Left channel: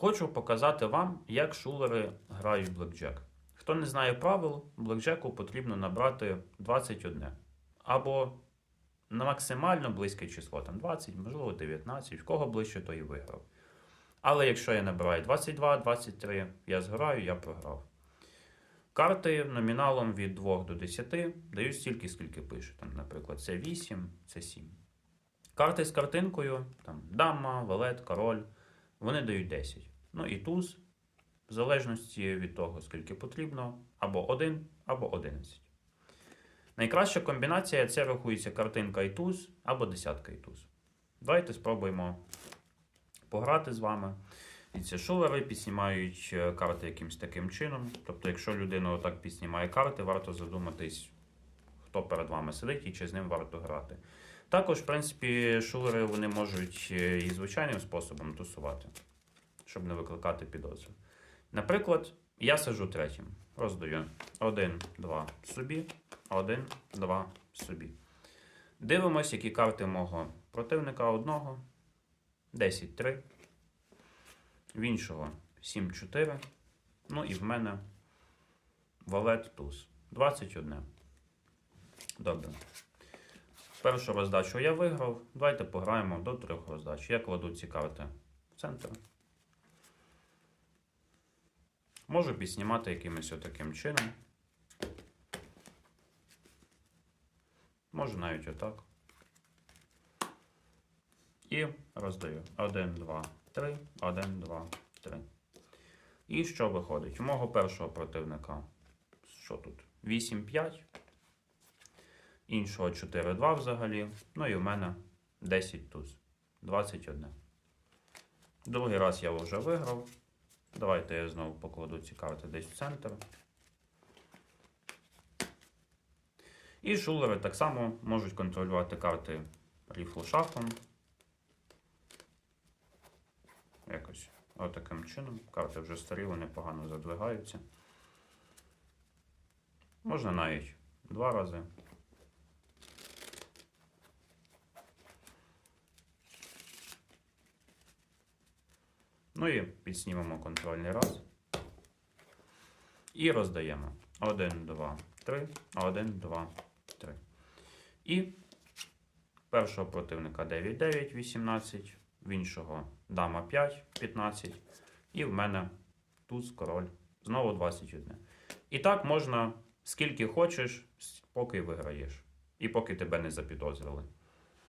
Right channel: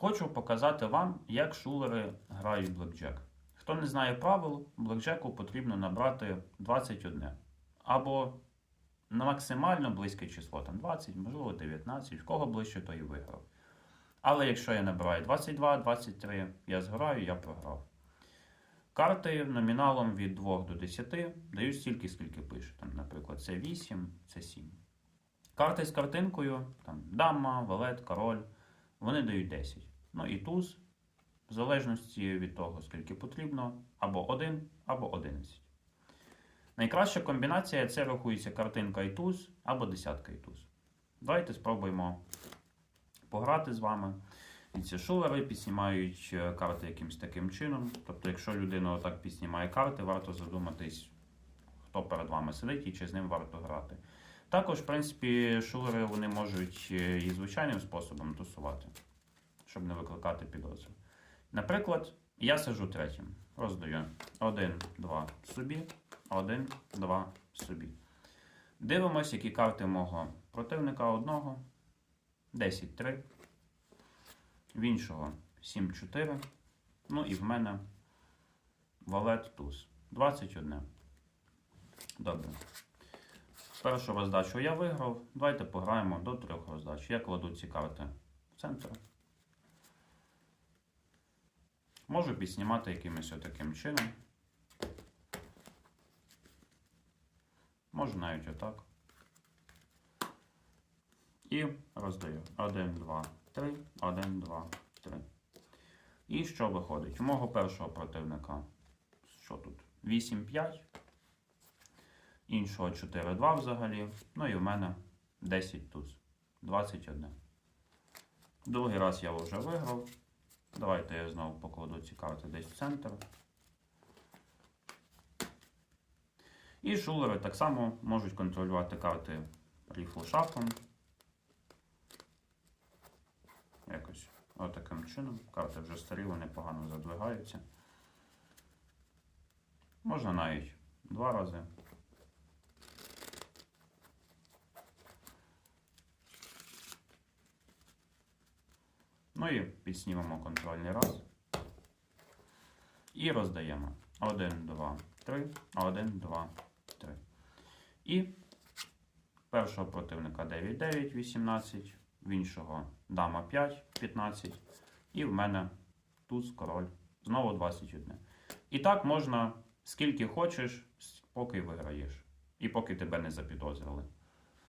Хочу показати вам, як шулери грають блекджек. Хто не знає правил, блекджеку потрібно набрати 21. Або на максимально близьке число, там 20, можливо 19, в кого ближче, то і виграв. Але якщо я набираю 22, 23, я зграю, я програв. Карти номіналом від 2 до 10 дають стільки, скільки пише. Там, наприклад, це 8, це 7. Карти з картинкою, там дама, валет, король, вони дають 10. Ну і туз, в залежності від того, скільки потрібно, або 1, або 11. Найкраща комбінація це рахується картинка і туз, або десятка і туз. Давайте спробуємо пограти з вами. І ці шулери підснімають е, карти якимось таким чином. Тобто, якщо людина отак підснімає карти, варто задуматись, хто перед вами сидить і чи з ним варто грати. Також, в принципі, шулери вони можуть е, і звичайним способом тусувати, щоб не викликати підозри. Наприклад, я сижу третім, роздаю 1, 2 собі, 1, 2 собі. Дивимось, які карти мого противника одного. 10, 3. В іншого 7, 4. Ну і в мене валет туз. 21. Добре. Першу роздачу я виграв. Давайте пограємо до трьох роздач. Я кладу ці карти в центр. Можу підснімати якимось отаким чином. Можу навіть отак. І роздаю. 1, 2, 3, 1, 2, 3. І що виходить? У мого першого противника. Що тут? 8, 5. Іншого 4, 2 взагалі. Ну і в мене 10 туз. 21. Другий раз я вже виграв. Давайте я знову покладу ці карти десь в центр. І шулери так само можуть контролювати карти ріфлу шахом. Якось отаким чином. Карти вже старі, вони погано задвигаються. Можна навіть два рази. Ну і підснімемо контрольний раз. І роздаємо. 1, 2, 3, 1, 2, 3. І першого противника 9, 9, 18, в іншого дама 5, 15. І в мене туз, король. Знову 21. І так можна скільки хочеш, поки виграєш. І поки тебе не запідозрили.